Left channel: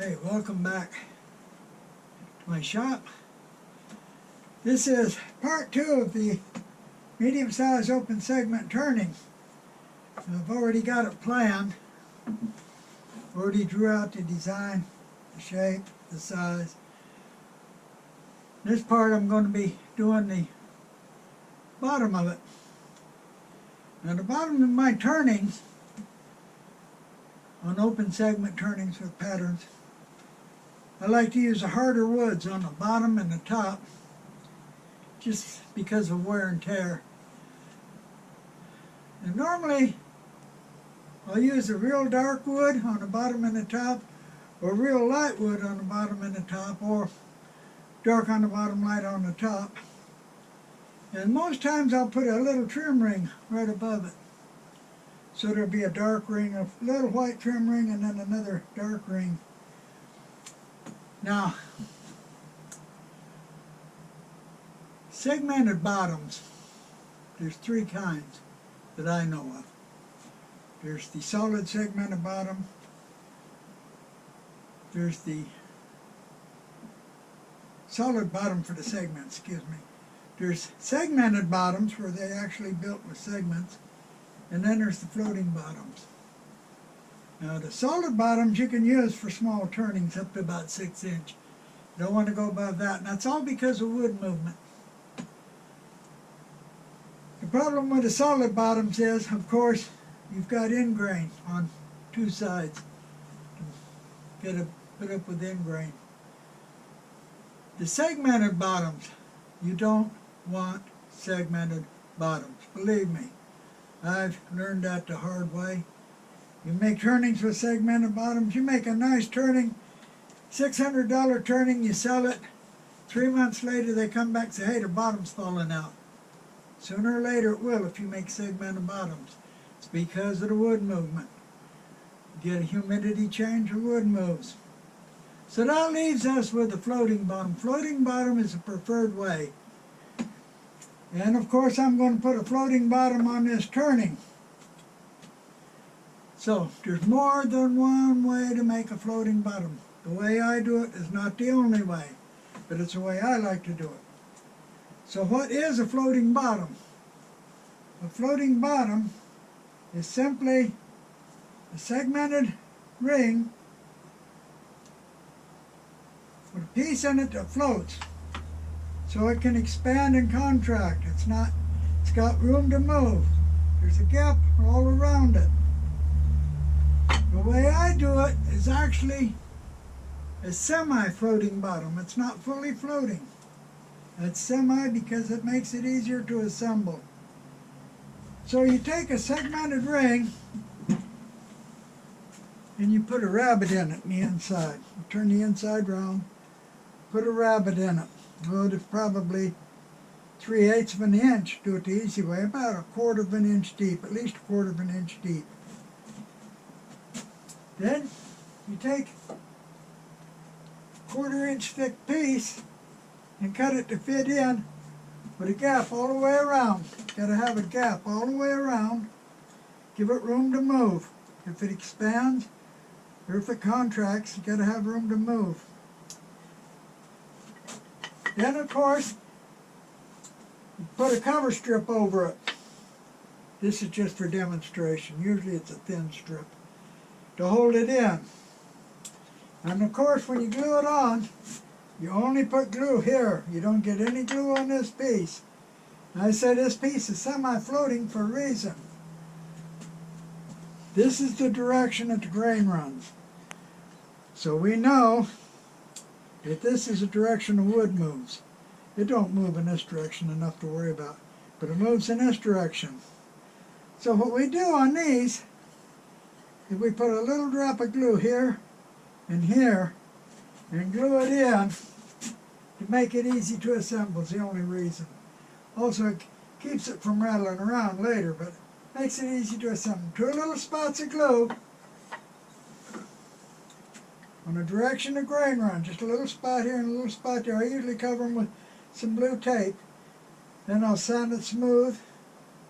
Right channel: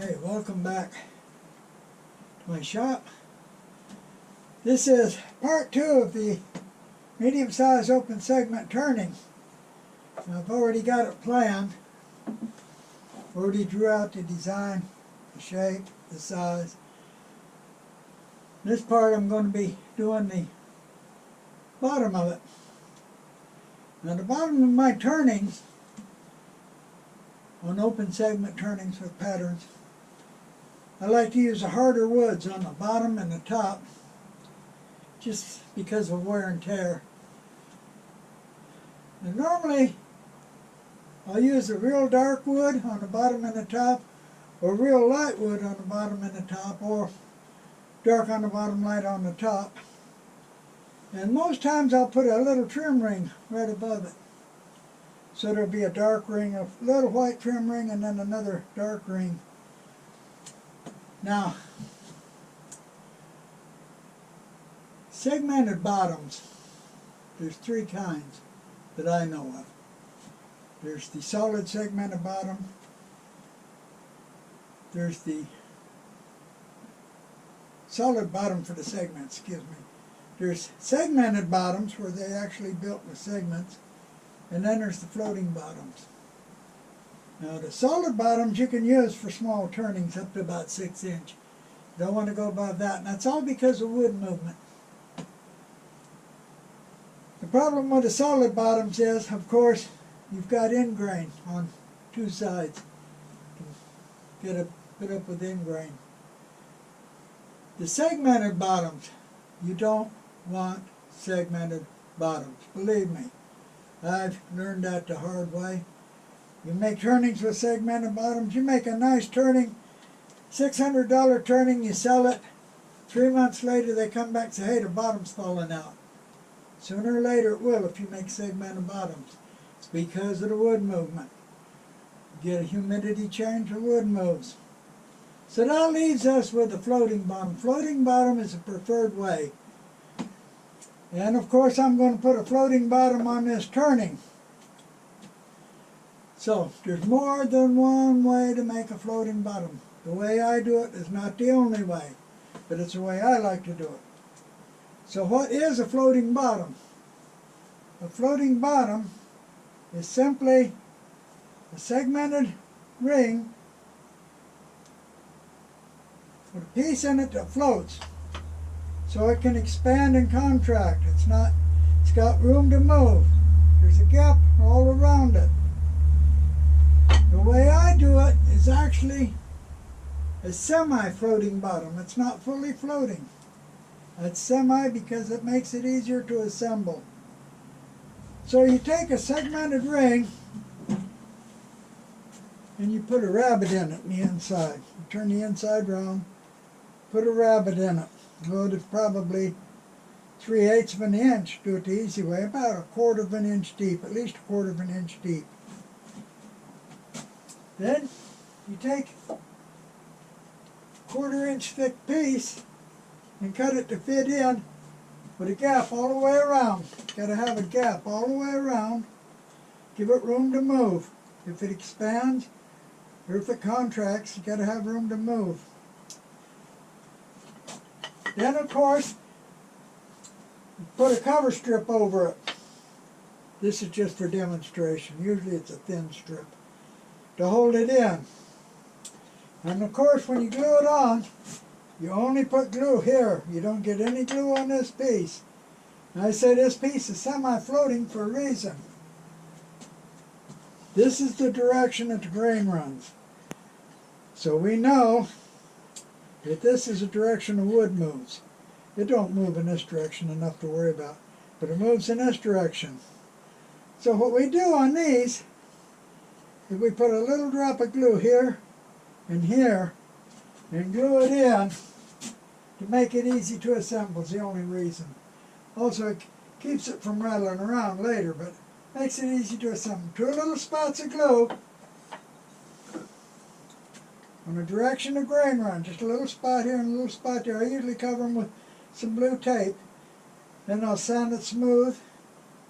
Hey, welcome back to my shop. This is part 2 of the medium-sized open segment turning. I've already got it planned. Already drew out the design, the shape, the size. This part I'm going to be doing the bottom of it. Now the bottom of my turnings, on open segment turnings with patterns, I like to use the harder woods on the bottom and the top just because of wear and tear. And normally I'll use a real dark wood on the bottom and the top, or real light wood on the bottom and the top, or dark on the bottom, light on the top. And most times I'll put a little trim ring right above it. So there'll be a dark ring, a little white trim ring, and then another dark ring. Now, segmented bottoms, there's 3 kinds that I know of. There's the solid segmented bottom, there's the solid bottom for the segments, excuse me. There's segmented bottoms where they actually built with segments, and then there's the floating bottoms. Now the solid bottoms you can use for small turnings up to about 6 inch. Don't want to go above that, and that's all because of wood movement. The problem with the solid bottoms is, of course, you've got ingrain on 2 sides to get it put up with ingrain. The segmented bottoms, you don't want segmented bottoms. Believe me, I've learned that the hard way. You make turnings with segmented bottoms, you make a nice turning, $600 turning, you sell it. 3 months later they come back and say, hey, the bottom's falling out. Sooner or later it will if you make segmented bottoms. It's because of the wood movement. You get a humidity change, the wood moves. So that leaves us with the floating bottom. Floating bottom is the preferred way. And of course I'm going to put a floating bottom on this turning. So there's more than one way to make a floating bottom. The way I do it is not the only way, but it's the way I like to do it. So what is a floating bottom? A floating bottom is simply a segmented ring with a piece in it that floats, so it can expand and contract. It's got room to move. There's a gap all around it. The way I do it is actually a semi-floating bottom. It's not fully floating. It's semi because it makes it easier to assemble. So you take a segmented ring and you put a rabbet in it in the inside. You turn the inside round, put a rabbet in it. Well, it's probably 3/8 of an inch, do it the easy way, about 1/4 of an inch deep, at least 1/4 of an inch deep. Then you take a 1/4 inch thick piece and cut it to fit in with a gap all the way around. Got to have a gap all the way around. Give it room to move. If it expands or if it contracts, you got to have room to move. Then of course, you put a cover strip over it. This is just for demonstration. Usually it's a thin strip to hold it in. And of course when you glue it on, you only put glue here. You don't get any glue on this piece. And I say this piece is semi-floating for a reason. This is the direction that the grain runs. So we know that this is the direction the wood moves. It don't move in this direction enough to worry about, but it moves in this direction. So what we do on these is we put a little drop of glue here and here and glue it in to make it easy to assemble is the only reason. Also it keeps it from rattling around later, but makes it easy to assemble. 2 little spots of glue on the direction the grain runs, just a little spot here and a little spot there. I usually cover them with some blue tape. Then I'll sand it smooth.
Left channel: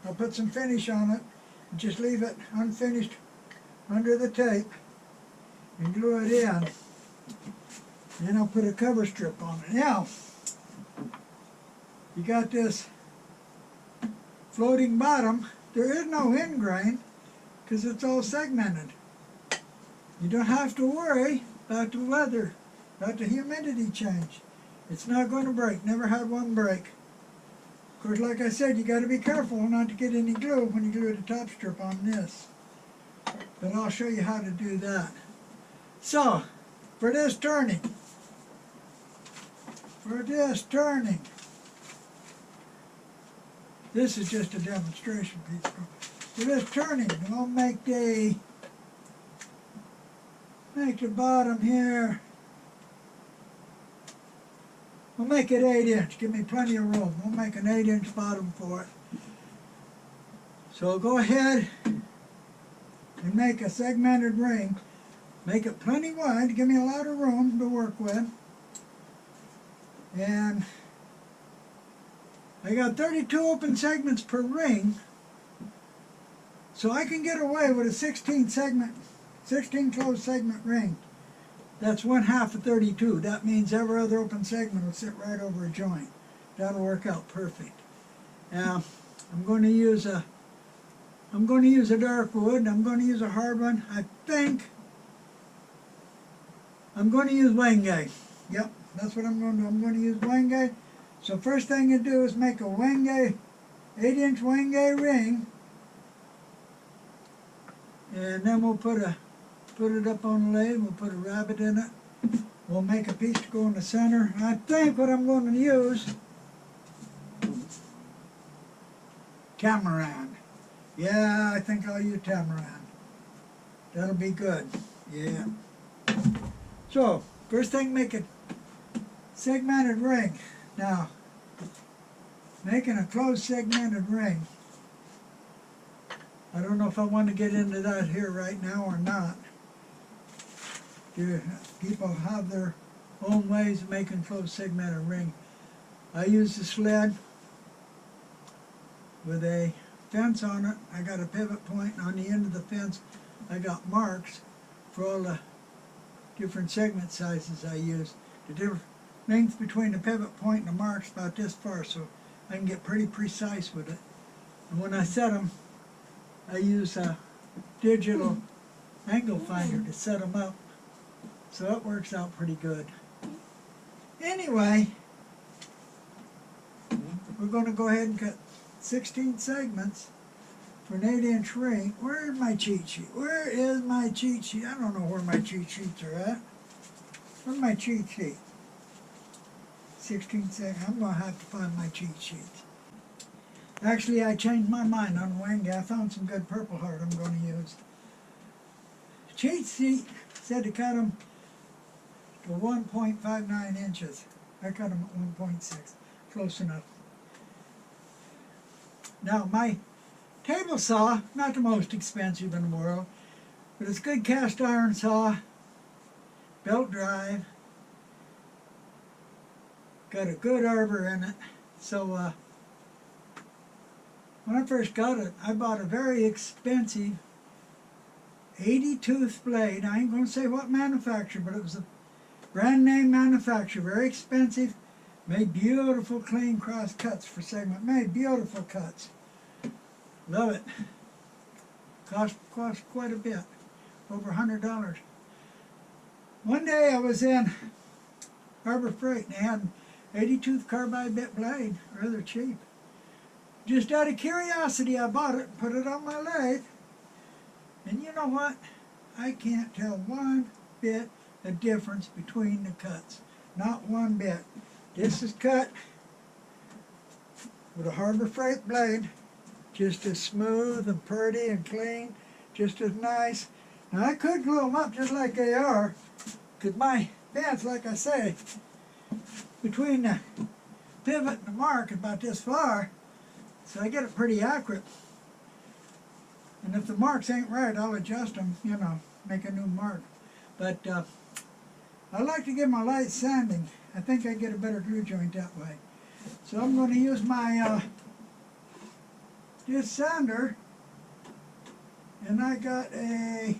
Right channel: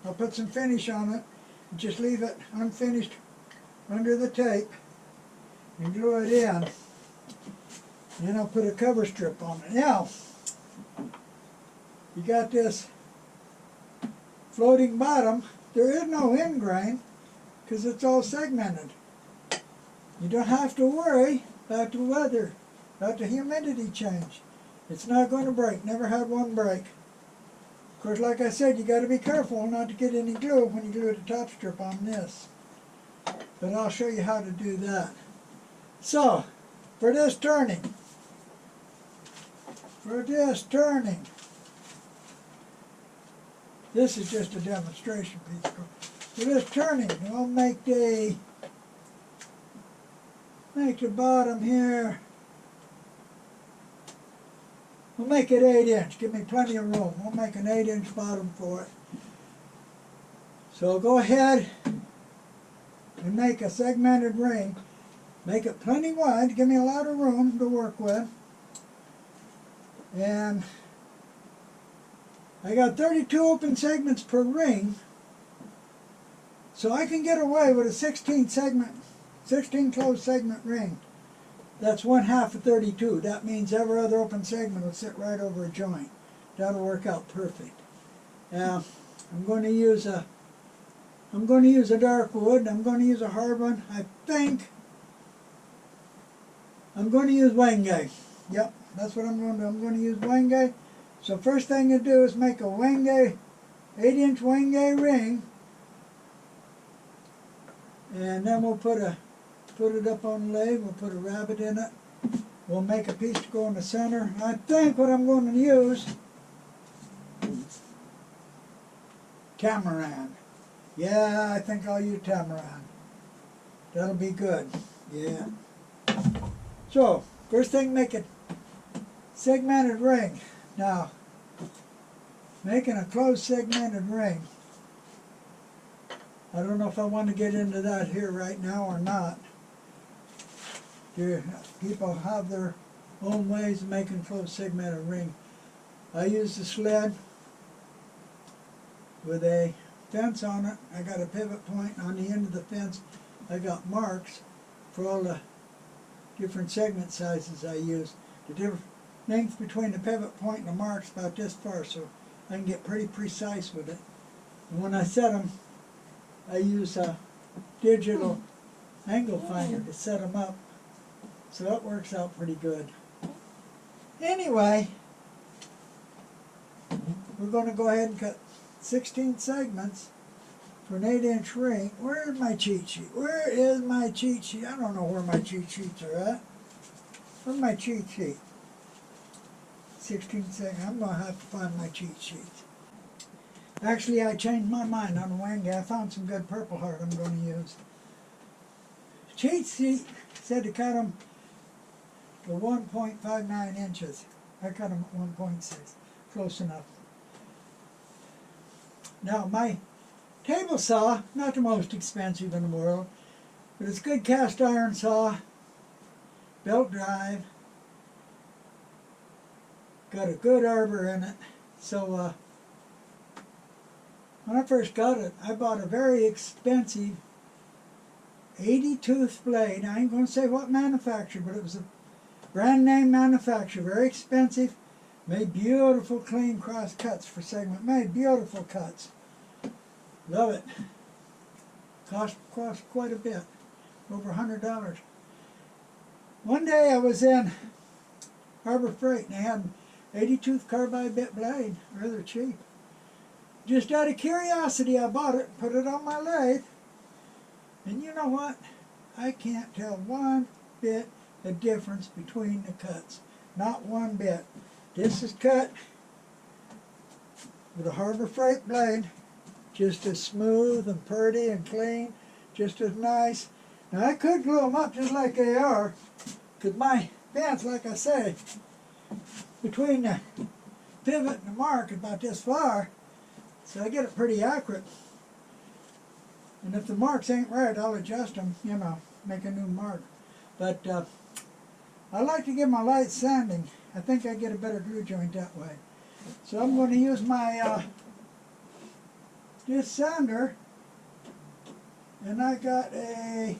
I'll put some finish on it and just leave it unfinished under the tape and glue it in. Then I'll put a cover strip on it. Now, you got this floating bottom. There is no end grain because it's all segmented. You don't have to worry about the weather, about the humidity change. It's not going to break. Never had one break. Of course, like I said, you got to be careful not to get any glue when you glue the top strip on this. But I'll show you how to do that. So, for this turning, this is just a demonstration piece. For this turning, we'll make the bottom here. We'll make it 8 inch. Give me plenty of room. We'll make an 8-inch bottom for it. So go ahead and make a segmented ring. Make it plenty wide. Give me a lot of room to work with. And I got 32 open segments per ring. So I can get away with a 16 closed segment ring. That's 1/2 of 32. That means every other open segment will sit right over a joint. That'll work out perfect. Now, I'm going to use a dark wood. I'm going to use a hard one. I think I'm going to use wenge. Yep, that's what I'm going to do. I'm going to use wenge. So first thing you do is make a wenge, 8-inch wenge ring, and then we'll put it up on the lathe. We'll put a rabbet in it. We'll make a piece to go in the center. I think what I'm going to use, tamarin. Yeah, I think I'll use tamarin. That'll be good. Yeah. So, first thing, make a segmented ring. Now, making a closed segmented ring, I don't know if I want to get into that here right now or not. People have their own ways of making closed segmented ring. I use the sled with a fence on it. I got a pivot point on the end of the fence. I got marks for all the different segment sizes I use. The different length between the pivot point and the marks about this far, so I can get pretty precise with it. And when I set them, I use a digital angle finder to set them up, so that works out pretty good. Anyway, we're going to go ahead and cut 16 segments for an 8-inch ring. Where's my cheat sheet? Where is my cheat sheet? I don't know where my cheat sheets are at. Where's my cheat sheet? 16 segments. I'm going to have to find my cheat sheets. Actually, I changed my mind on the wing. I found some good Purple Heart I'm going to use. Cheat sheet said to cut them to 1.59 inches. I cut them at 1.6. Close enough. Now, my table saw, not the most expensive in the world, but it's a good cast iron saw, belt drive, got a good arbor in it. So when I first got it, I bought a very expensive 80-tooth blade. I ain't going to say what manufacturer, but it was a brand name manufacturer, very expensive. Made beautiful clean cross cuts for segment. Made beautiful cuts. Love it. Cost quite a bit. Over $100. One day I was in Harbor Freight and they had an 80-tooth carbide bit blade. Rather cheap. Just out of curiosity I bought it and put it on my lathe. And you know what? I can't tell one bit the difference between the cuts. Not one bit. This is cut with a Harbor Freight blade, just as smooth and pretty and clean, just as nice. Now I could glue them up just like they are, because my bends, like I say, between the pivot and the mark is about this far, so I get it pretty accurate. And if the marks ain't right, I'll adjust them, you know, make a new mark. But I like to give my light sanding. I think I get a better glue joint that way. So I'm going to use my this sander, and I got a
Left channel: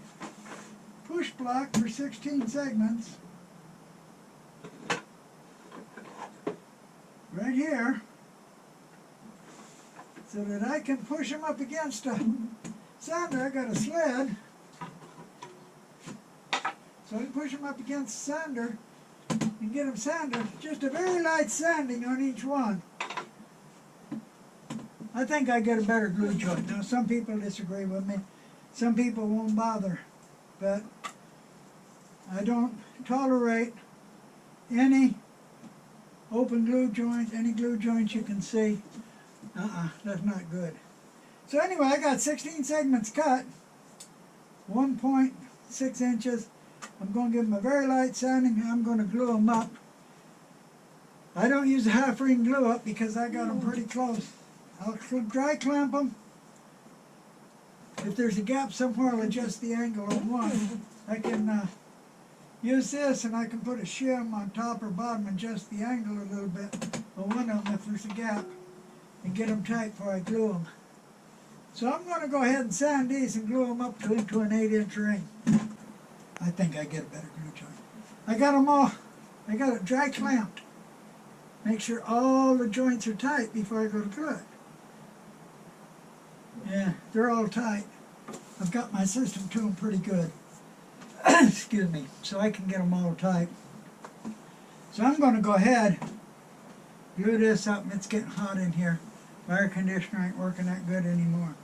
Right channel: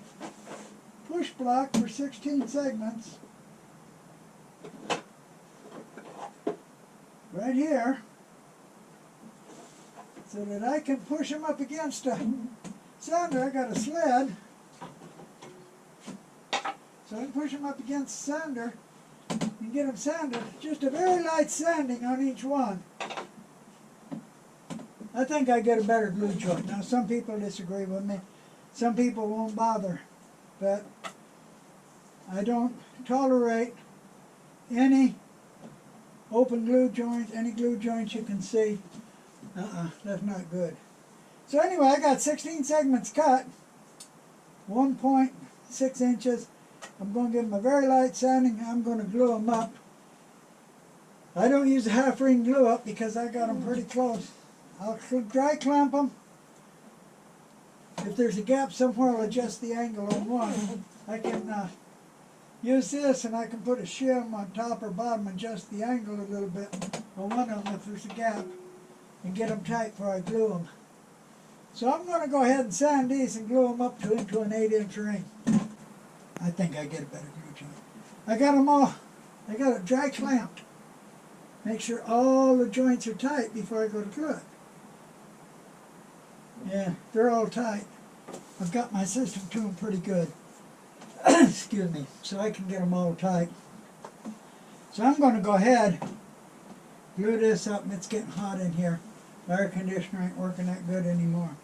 push block for 16 segments. right here so that I can push them up against a sander. I got a sled, so I can push them up against the sander and get them sanded. Just a very light sanding on each one. I think I get a better glue joint. Now some people disagree with me. Some people won't bother. But I don't tolerate any open glue joints, any glue joints you can see. That's not good. So anyway, I got 16 segments cut, 1.6 inches. I'm going to give them a very light sanding. I'm going to glue them up. I don't use a half ring glue up because I got them pretty close. I'll dry clamp them. If there's a gap somewhere, I'll adjust the angle on one. I can use this and I can put a shim on top or bottom and adjust the angle a little bit on one of them if there's a gap and get them tight before I glue them. So I'm going to go ahead and sand these and glue them up into an 8-inch ring. I think I get a better glue joint. I got them all, I got it dry clamped. Make sure all the joints are tight before I go to glue it. Yeah, they're all tight. I've got my system to them pretty good. Excuse me, so I can get them all tight. So I'm going to go ahead, glue this up, and it's getting hot in here. My air conditioner ain't working that good anymore.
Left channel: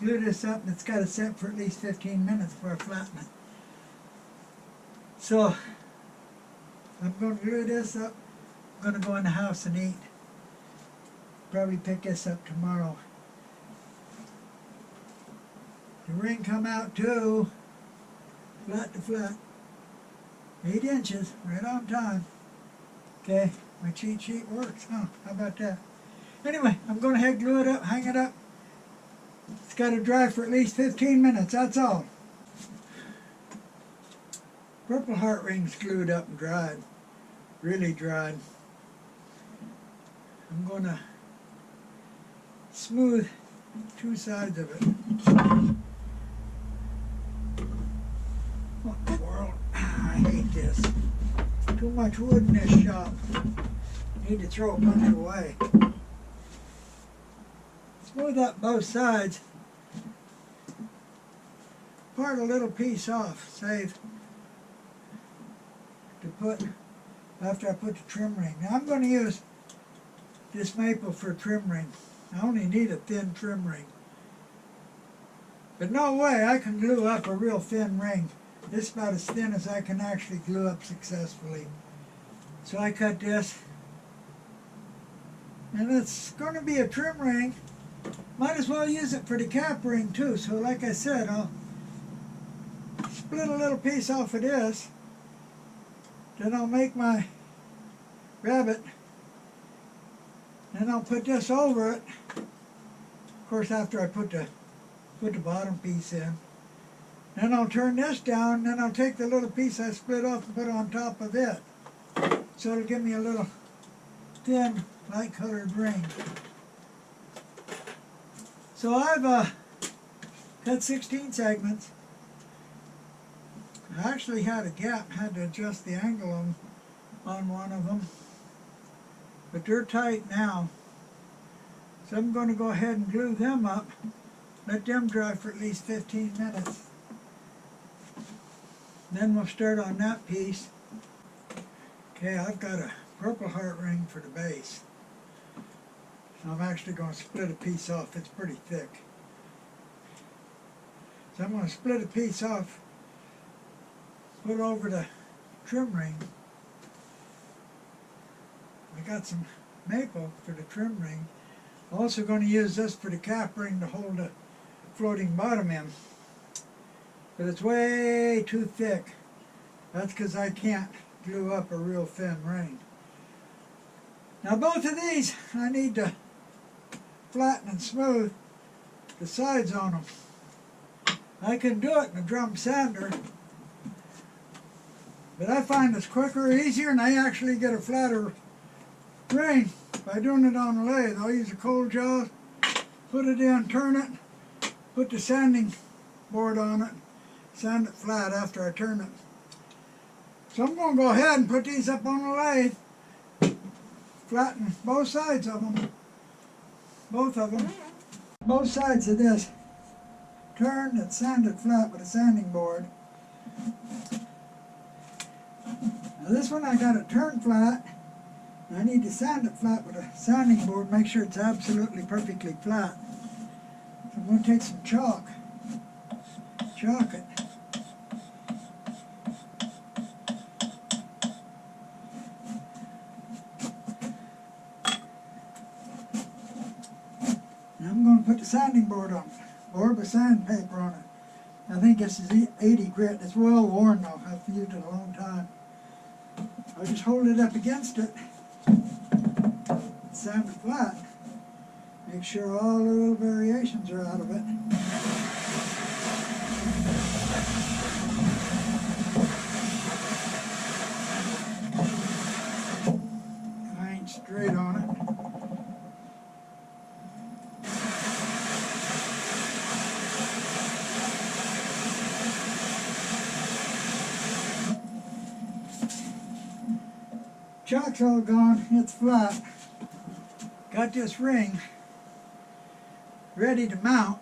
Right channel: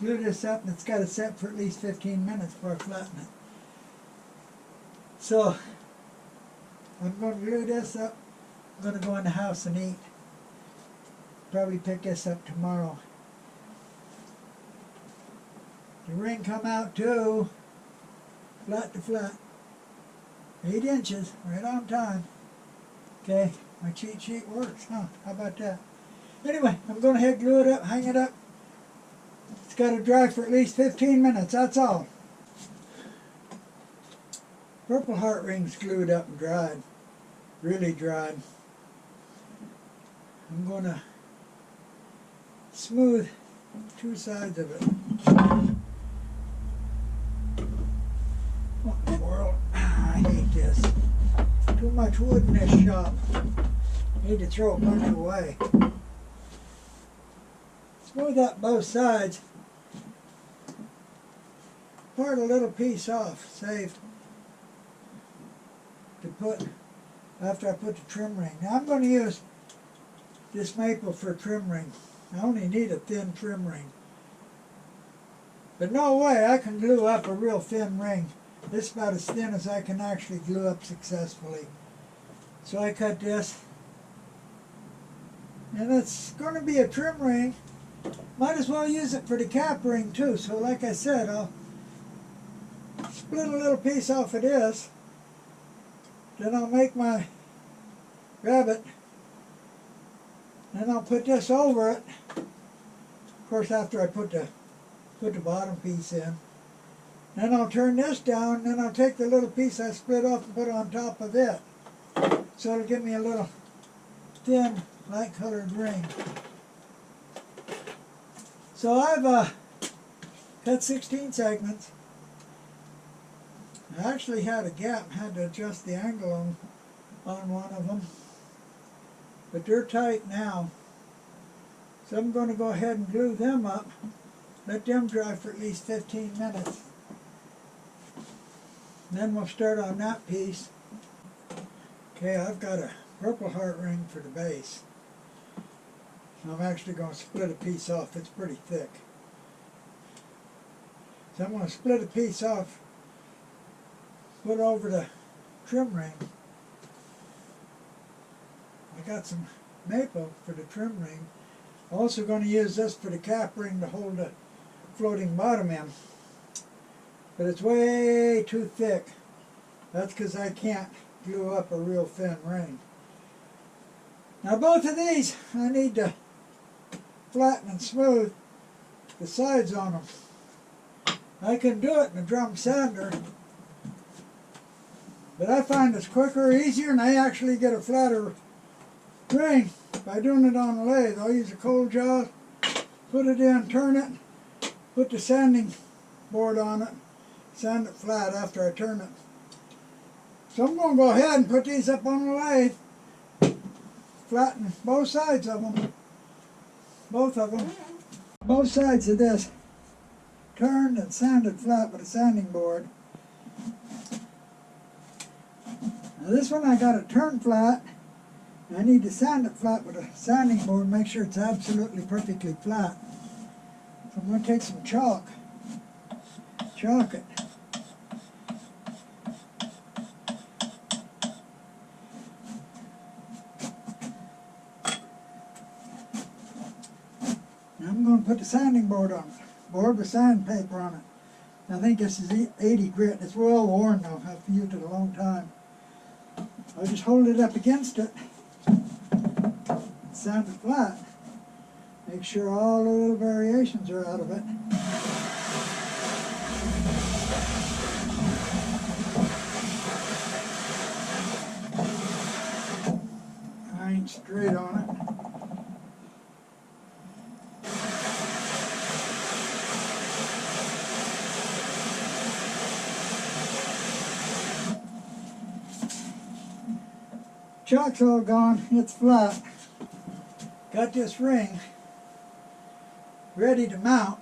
Glue this up, and it's got to set for at least 15 minutes before I flatten it. So I'm going to glue this up. I'm going to go in the house and eat. Probably pick this up tomorrow. The ring come out too, flat to flat, 8 inches, right on time. Okay, my cheat sheet works, huh? How about that? Anyway, I'm going to head glue it up, hang it up. It's got to dry for at least 15 minutes, that's all. Purple heart ring's glued up and dried, really dried. I'm going to smooth two sides of it. What in the world? I hate this. Too much wood in this shop. Need to throw a bunch away. Smooth up both sides. Part a little piece off, save to put after I put the trim ring. Now I'm going to use this maple for a trim ring. I only need a thin trim ring. But no way I can glue up a real thin ring. This is about as thin as I can actually glue up successfully. So I cut this. And it's going to be a trim ring. Might as well use it for the cap ring too. So like I said, I'll split a little piece off of this. Then I'll make my rabbet. Then I'll put this over it. Of course, after I put the bottom piece in. Then I'll turn this down, then I'll take the little piece I split off and put it on top of it. So it'll give me a little thin, light colored ring. So I've cut 16 segments. I actually had a gap, had to adjust the angle on one of them. But they're tight now. So I'm going to go ahead and glue them up. Let them dry for at least 15 minutes. Then we'll start on that piece. Okay, I've got a purple heart ring for the base. So I'm actually going to split a piece off. It's pretty thick. So I'm going to split a piece off, put over the trim ring. I got some maple for the trim ring. Also going to use this for the cap ring to hold the floating bottom in. But it's way too thick. That's because I can't glue up a real thin ring. Now both of these I need to flatten and smooth the sides on them. I can do it in a drum sander, but I find it's quicker, easier, and I actually get a flatter ring by doing it on a lathe. I'll use a cold jaws, put it in, turn it, put the sanding board on it, sand it flat after I turn it. So I'm going to go ahead and put these up on the lathe, flatten both sides of them. Both of them. Both sides of this. Turned and sanded flat with a sanding board. Now this one I got it turned flat. I need to sand it flat with a sanding board, make sure it's absolutely perfectly flat. So I'm going to take some chalk. Chalk it. Now I'm going to put the sanding board on it. Board with sandpaper on it. I think this is 80 grit. It's well worn though. I've used it a long time. I'll just hold it up against it. Sand it flat. Make sure all the little variations are out of it. I ain't straight on it. Chalk's all gone, it's flat. Got this ring ready to mount.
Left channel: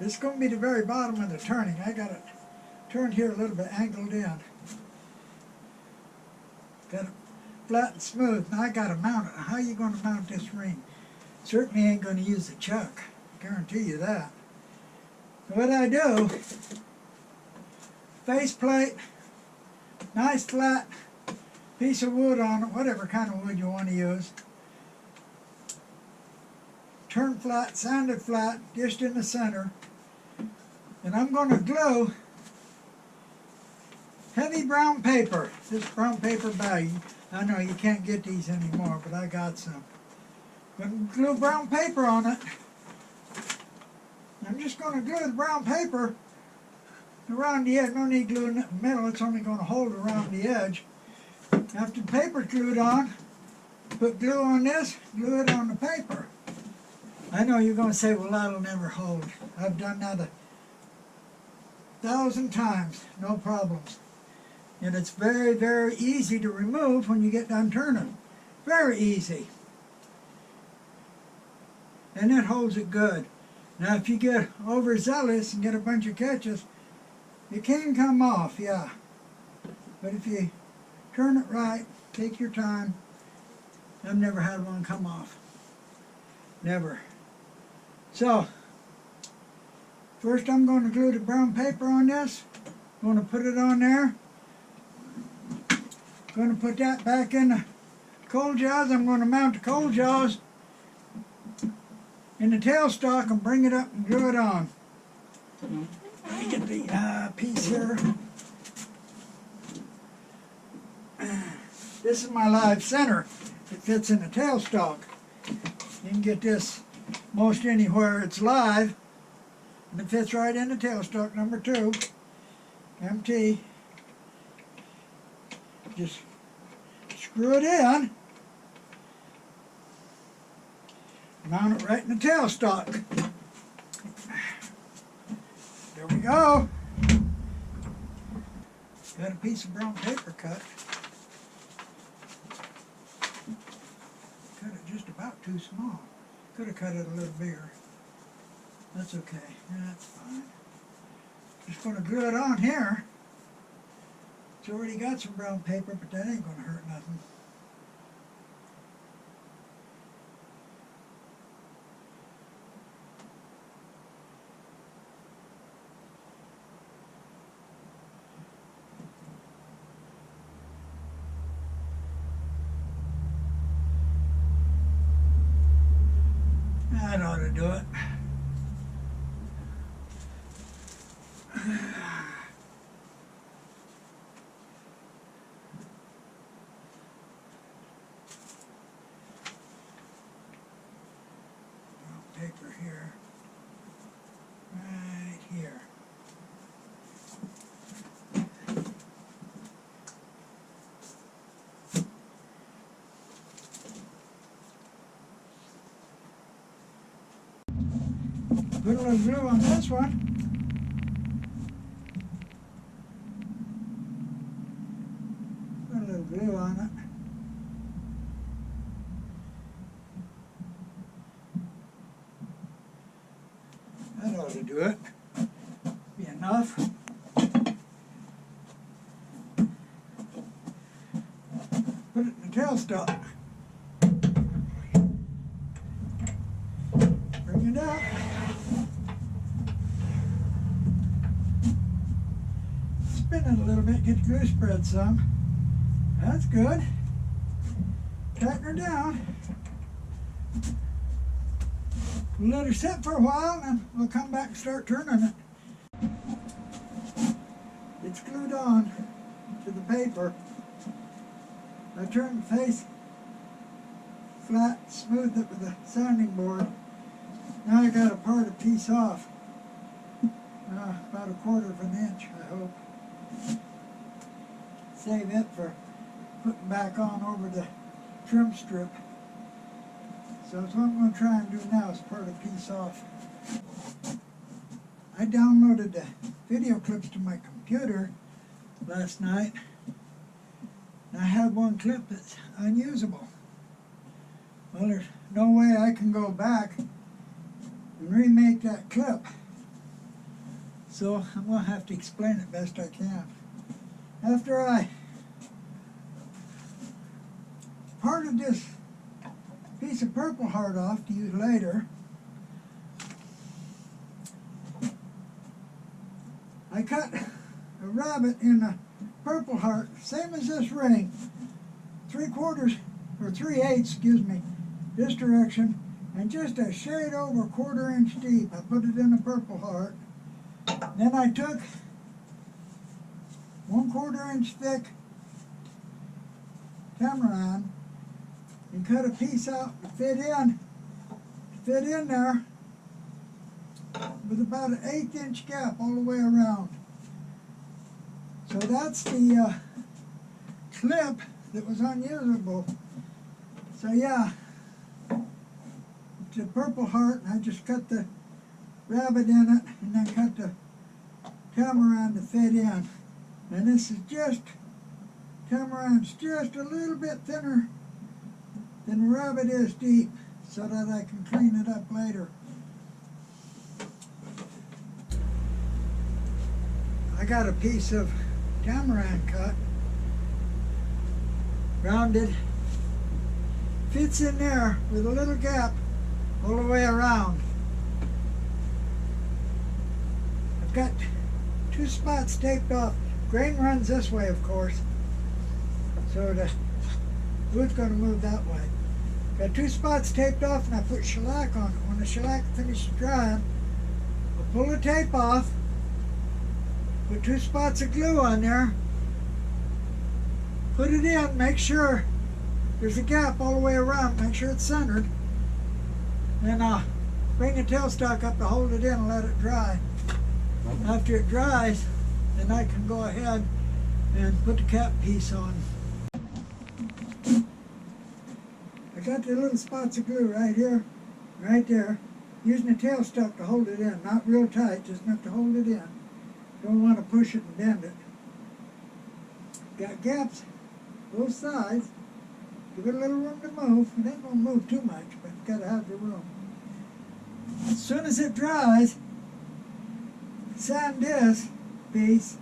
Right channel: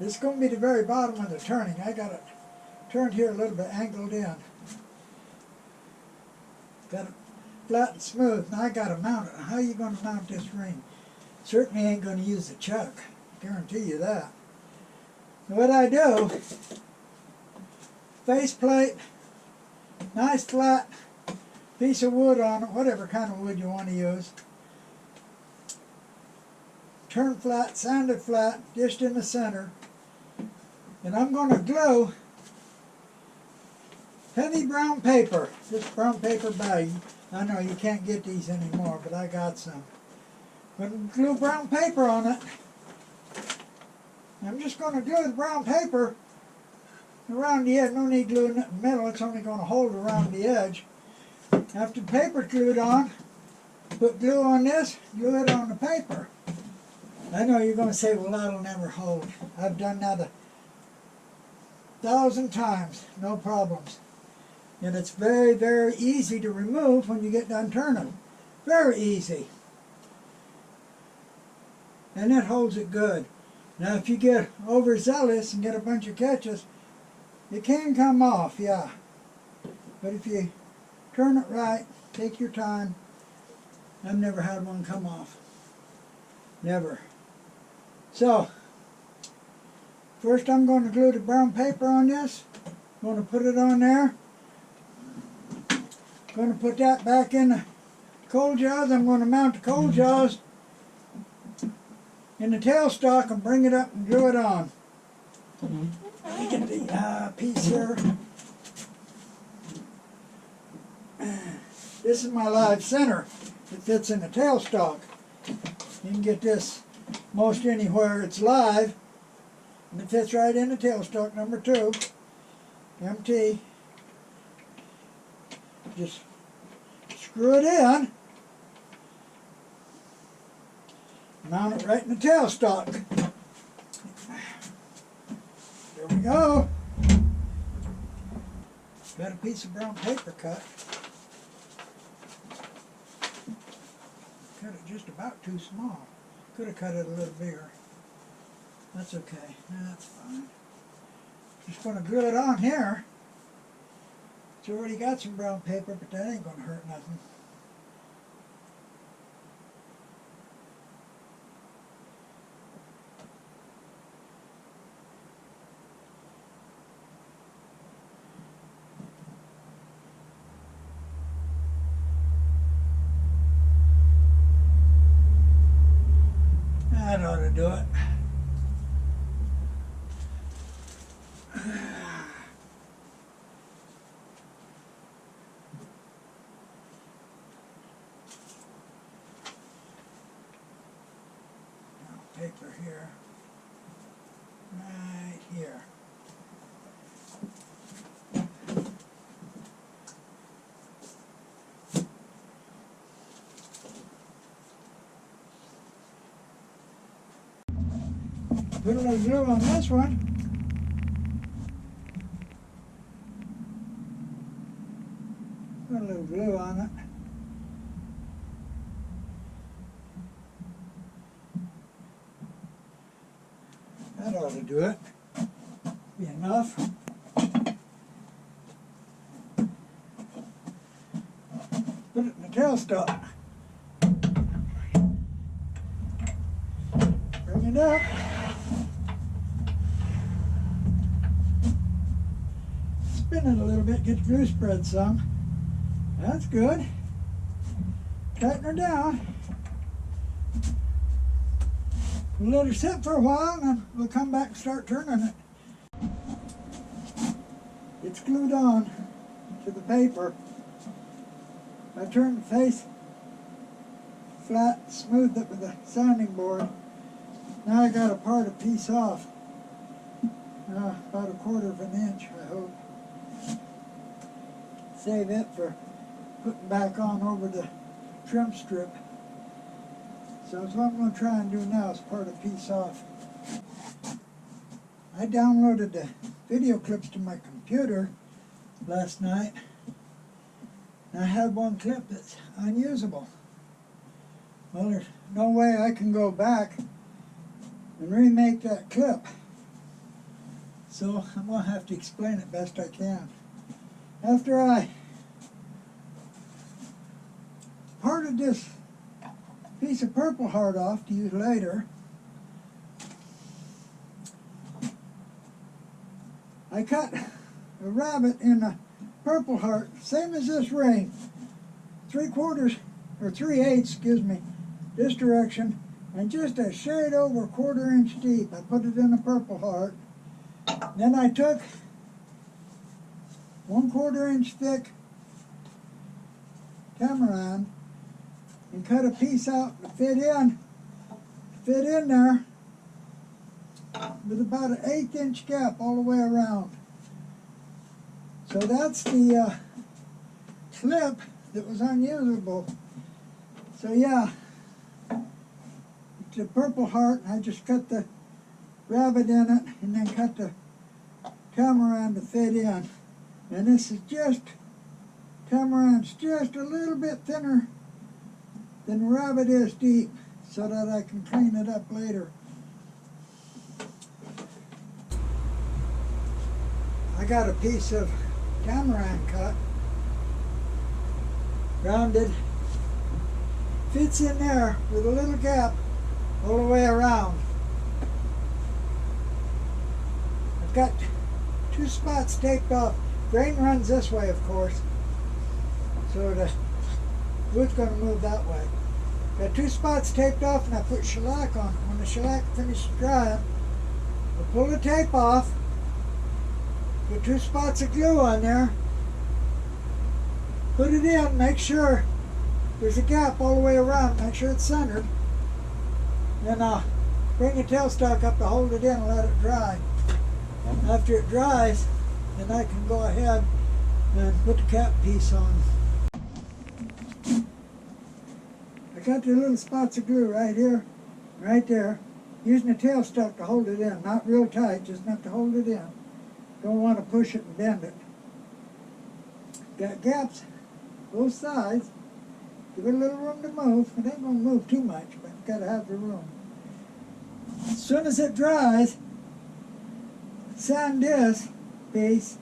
This is going to be the very bottom of the turning. I got it turned here a little bit, angled in. Got it flat and smooth. Now I got to mount it. How are you going to mount this ring? Certainly ain't going to use a chuck. I guarantee you that. So what I do, face plate, nice flat piece of wood on it, whatever kind of wood you want to use. Turn flat, sanded flat, just in the center. And I'm going to glue heavy brown paper. This brown paper bag. I know you can't get these anymore, but I got some. But glue brown paper on it. I'm just going to glue the brown paper around the edge. No need gluing it in the middle. It's only going to hold around the edge. After the paper's glued on, put glue on this, glue it on the paper. I know you're going to say, well, that'll never hold. I've done that 1,000 times, no problems. And it's very, very easy to remove when you get done turning. Very easy. And it holds it good. Now, if you get overzealous and get a bunch of catches, it can come off, yeah. But if you turn it right, take your time, I've never had one come off. Never. So, first I'm going to glue the brown paper on this. I'm going to put it on there. I'm going to put that back in the coal jaws. I'm going to mount the coal jaws in the tailstock and bring it up and glue it on. Let me get the piece here. This is my live center. It fits in the tailstock. You can get this most anywhere it's live, and it fits right in the tailstock number 2. MT. Just screw it in. Mount it right in the tailstock. There we go. Got a piece of brown paper cut. Cut it just about too small. Could have cut it a little bigger. That's okay. Yeah, that's fine. Just going to glue it on here. It's already got some brown paper, but that ain't going to hurt nothing. That ought to do it. Brown paper here. Right here. Put a little glue on this one. Put a little glue on it. That ought to do it. Be enough. Put it in the tailstock. Bring it up. Spin it a little bit, get the glue spread some. That's good. Tighten her down. We'll let her sit for a while and then we'll come back and start turning it. It's glued on to the paper. I turned the face flat, smoothed it with a sanding board. Now I got to part a piece off. About 1/4 of an inch, I hope. Save it for putting back on over the trim strip. So that's what I'm going to try and do now is part a piece off. I downloaded the video clips to my computer last night. And I had one clip that's unusable. Well, there's no way I can go back and remake that clip. So I'm going to have to explain it best I can. After I parted this piece of purple heart off to use later, I cut a rabbet in a purple heart, same as this ring, 3/4 or 3/8, excuse me, this direction, and just a shade over 1/4 inch deep. I put it in a purple heart. Then I took 1/4 inch thick tamarind and cut a piece out to fit in there with about an 1/8 inch gap all the way around. So that's the clip that was unusable. So yeah, it's a purple heart, and I just cut the rabbet in it and then cut the tamarind to fit in. And this is just, tamarind's just a little bit thinner than the rabbet is deep, so that I can clean it up later. I got a piece of tamarind cut, rounded, fits in there with a little gap all the way around. I've got 2 spots taped off. Grain runs this way, of course, so the wood's going to move that way. Got 2 spots taped off, and I put shellac on it. When the shellac finishes drying, I'll pull the tape off, put 2 spots of glue on there, put it in, make sure there's a gap all the way around, make sure it's centered. Then I'll bring the tailstock up to hold it in and let it dry. After it dries, then I can go ahead and put the cap piece on. I got the little spots of glue right here, right there, using the tailstock to hold it in, not real tight, just enough to hold it in. Don't want to push it and bend it. Got gaps both sides. Give it a little room to move. It ain't going to move too much, but you've got to have the room. As soon as it dries, sand this piece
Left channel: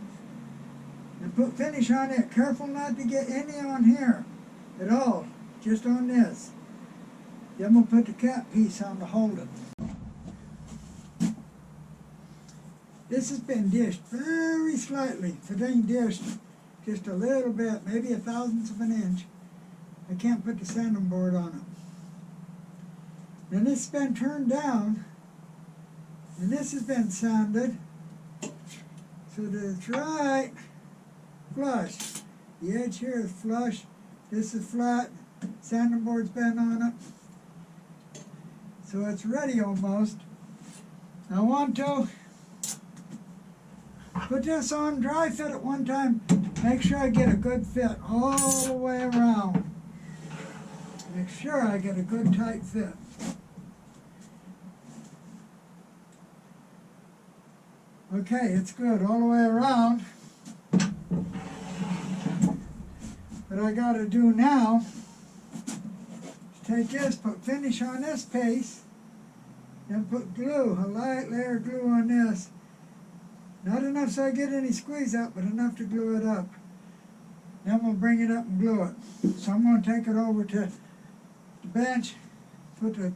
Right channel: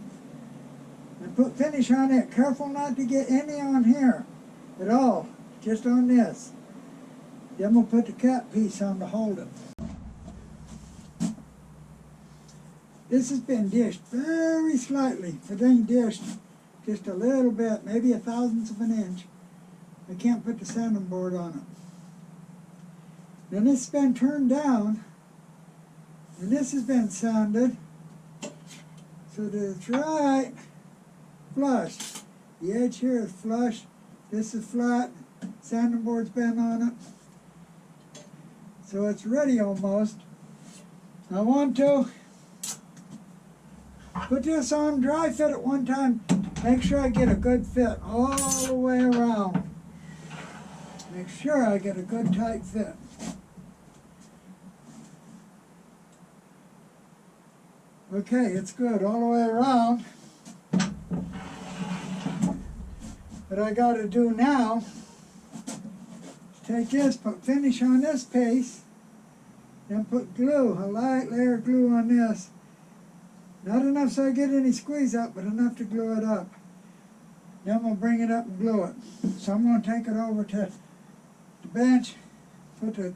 and put finish on it. Careful not to get any on here at all, just on this. Then we'll put the cap piece on to hold it. This has been dished very slightly. If it ain't dished just a little bit, maybe 1/1000th of an inch, I can't put the sanding board on it. Then this has been turned down, and this has been sanded so that it's right flush. The edge here is flush, this is flat, sanding board's been on it. So it's ready almost. I want to put this on dry fit at one time, make sure I get a good fit all the way around. Make sure I get a good tight fit. Okay, it's good all the way around. What I got to do now is take this, put finish on this piece, Then put glue, a light layer of glue on this. Not enough so I get any squeeze out, but enough to glue it up. Then we'll bring it up and glue it. So I'm going to take it over to the bench, put the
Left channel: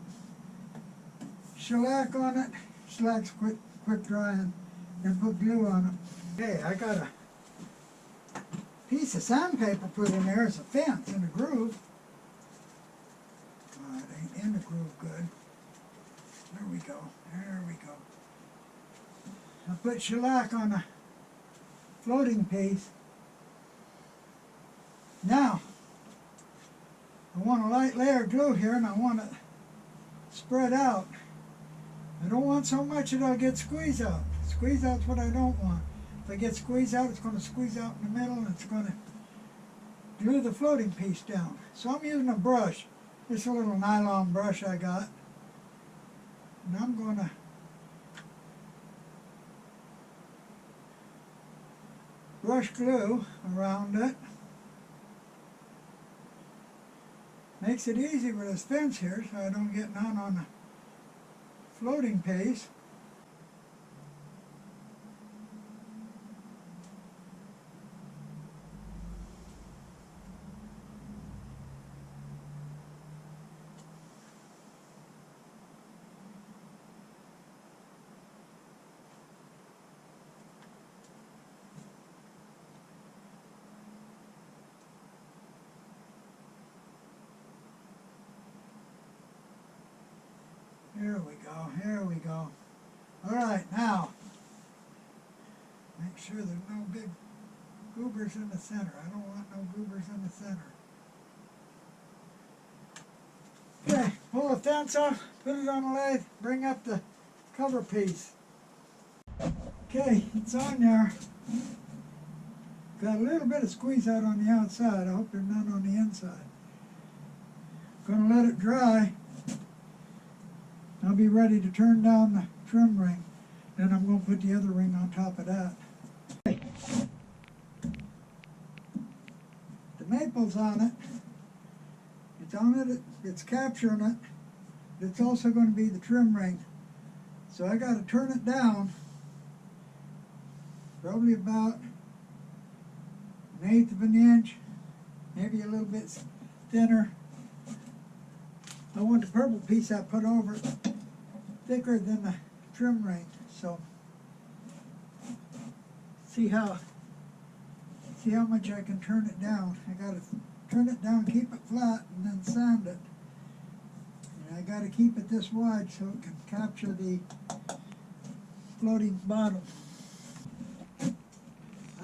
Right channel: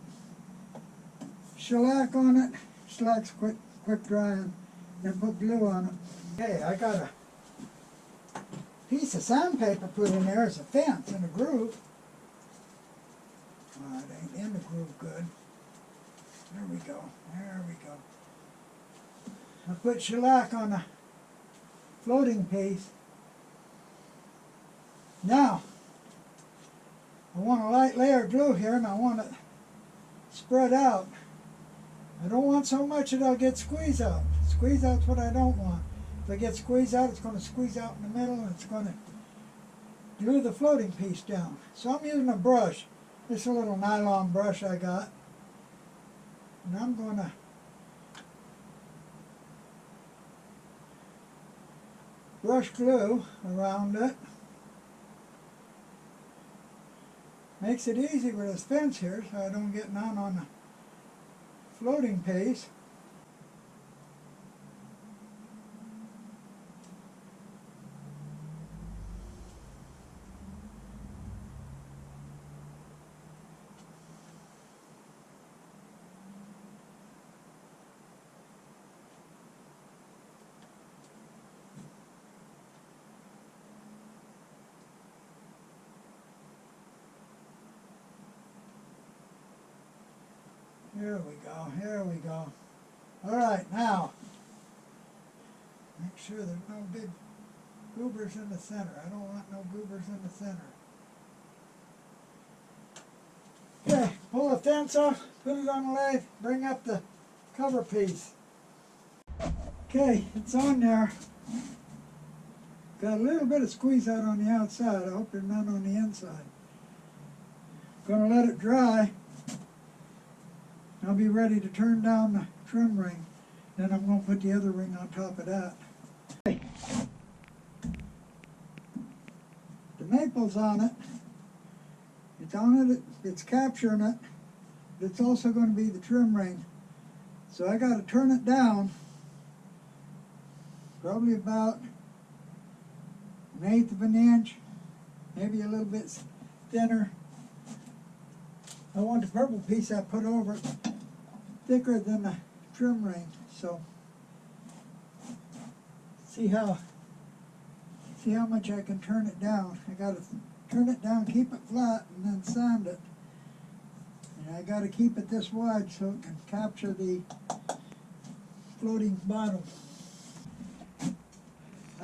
shellac on it. Shellac's quick drying, then put glue on it. Okay, I got a piece of sandpaper put in there as a fence in a groove. Oh, it ain't in the groove good. There we go, there we go. I put shellac on the floating piece. Now, I want a light layer of glue here and I want it spread out. I don't want so much that I'll get squeeze out. Squeeze out's what I don't want. If I get squeeze out, it's going to squeeze out in the middle and it's going to glue the floating piece down. So I'm using a brush. It's a little nylon brush I got. And I'm going to brush glue around it. Makes it easy with this fence here so I don't get none on the floating piece. Here we go, here we go. All right, now, make sure there's no big goobers in the center. I don't want no goobers in the center. Okay, pull the fence off, put it on the lathe, bring up the cover piece. Okay, it's on there. Got a little bit of squeeze out on the outside. I hope there's none on the inside. Gonna let it dry. I'll be ready to turn down the trim ring. Then I'm going to put the other ring on top of that. Okay. The maple's on it. It's on it, it's capturing it. But it's also going to be the trim ring. So I got to turn it down. Probably about 1/8 of an inch. Maybe a little bit thinner. I want the purple piece I put over it thicker than the trim ring, so see how much I can turn it down. I got to turn it down, keep it flat, and then sand it. And I got to keep it this wide so it can capture the floating bottom.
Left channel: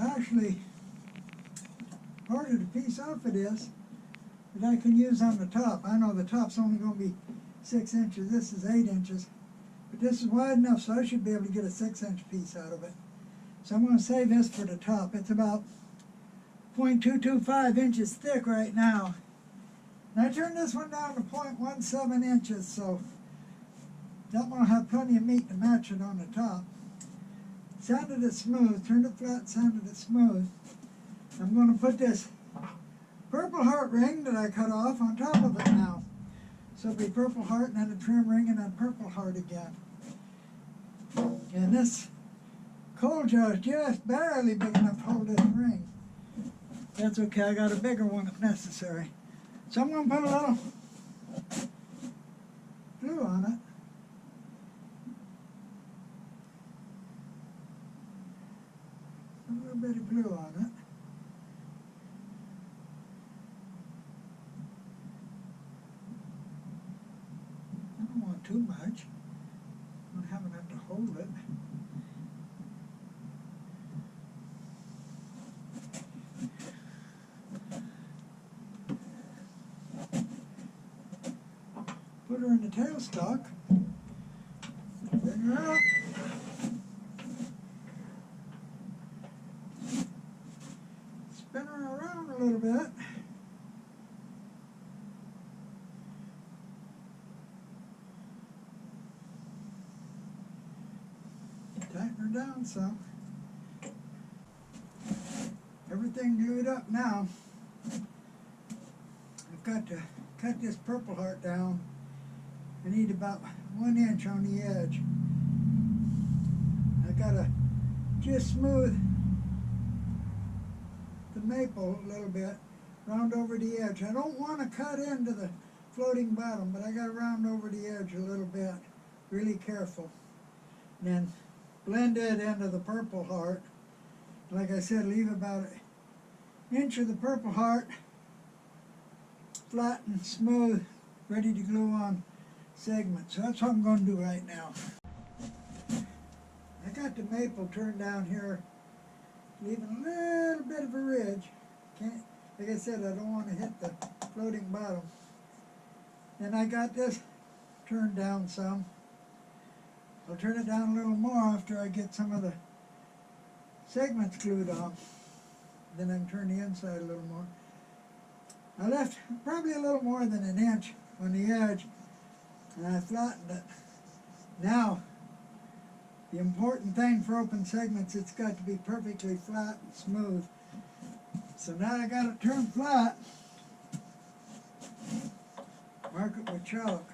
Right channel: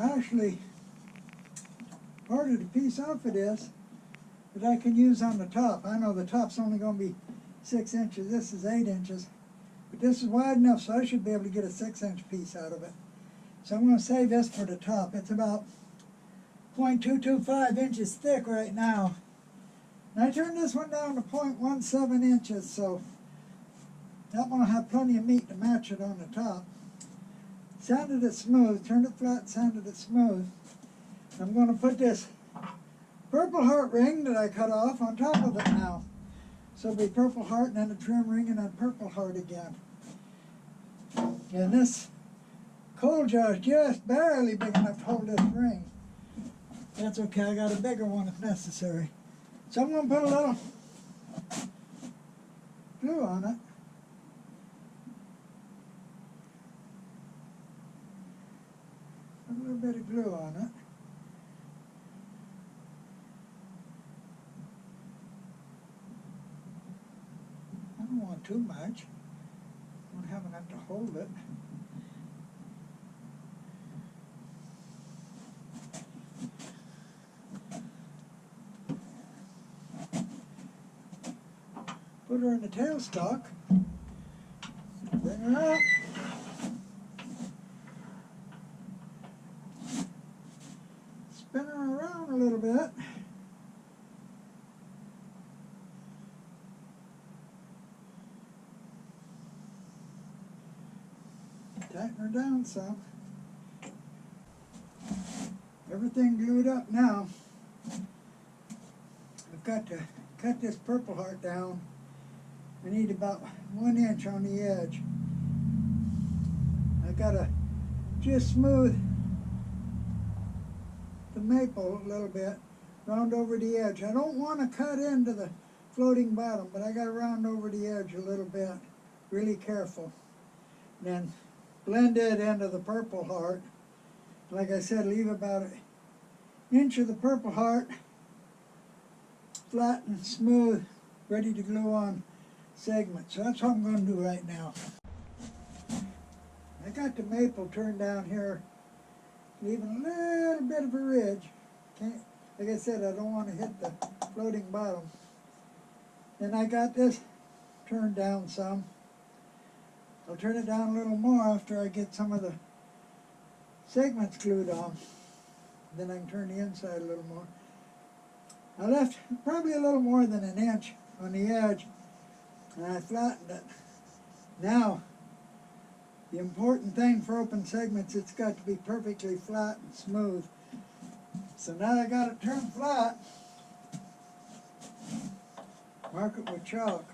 Actually, part of the piece off of this that I can use on the top. I know the top's only going to be 6 inches. This is 8 inches. But this is wide enough so I should be able to get a 6-inch piece out of it. So I'm going to save this for the top. It's about 0.225 inches thick right now. And I turned this one down to 0.17 inches, so that one will have plenty of meat to match it on the top. Sanded it smooth, turned it flat, sanded it smooth. I'm going to put this purple heart ring that I cut off on top of it now. So it'll be purple heart and then a trim ring and then purple heart again. And this coal jar is just barely big enough to hold this ring. That's okay, I got a bigger one if necessary. So I'm going to put a little glue on it. Put a little bit of glue on it. I don't want too much. I don't have enough to hold it. Put her in the tailstock. Bring her up. Spin her around a little bit. Tighten her down some. Everything glued up now. I've got to cut this purple heart down I need about 1 inch on the edge. I gotta just smooth the maple a little bit, round over the edge. I don't want to cut into the floating bottom, but I gotta round over the edge a little bit, really careful. Then blend it into the purple heart. Like I said, leave about 1 inch of the purple heart, flat and smooth, ready to glue on segments. So that's what I'm going to do right now. I got the maple turned down here, leaving a little bit of a ridge. Like I said, I don't want to hit the floating bottom. Then I got this turned down some. I'll turn it down a little more after I get some of the segments glued on. Then I can turn the inside a little more. I left probably a little more than 1 inch on the edge, and I flattened it. Now, the important thing for open segments, it's got to be perfectly flat and smooth. So now I got it turned flat. Mark it with chalk.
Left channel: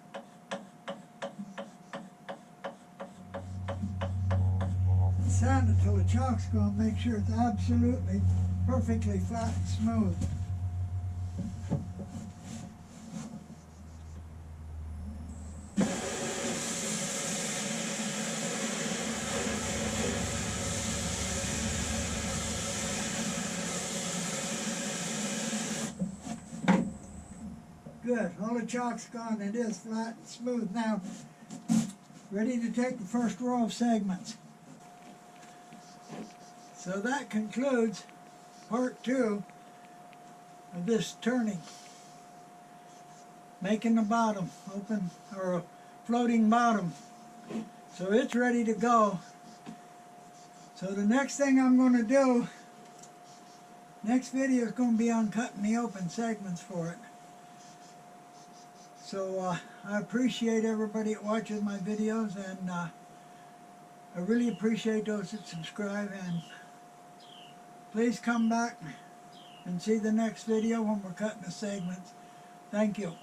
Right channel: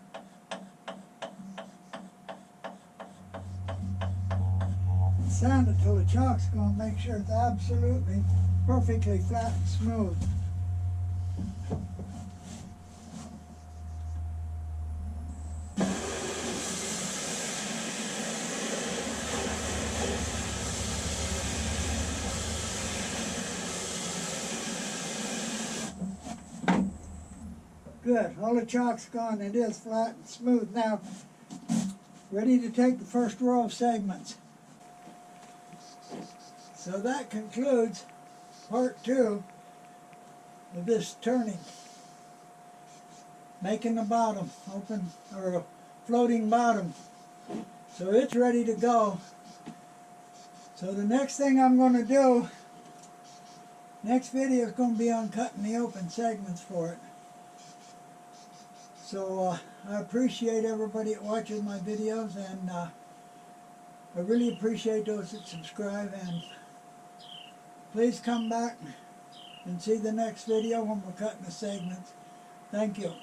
And sand it till the chalk's gone. Make sure it's absolutely perfectly flat and smooth. Good, all the chalk's gone. It is flat and smooth now. Ready to take the first row of segments. So that concludes part 2 of this turning. Making the bottom open, or a floating bottom. So it's ready to go. So the next thing I'm going to do, next video is going to be on cutting the open segments for it. So I appreciate everybody that watches my videos, and I really appreciate those that subscribe, and please come back and see the next video when we're cutting the segments. Thank you.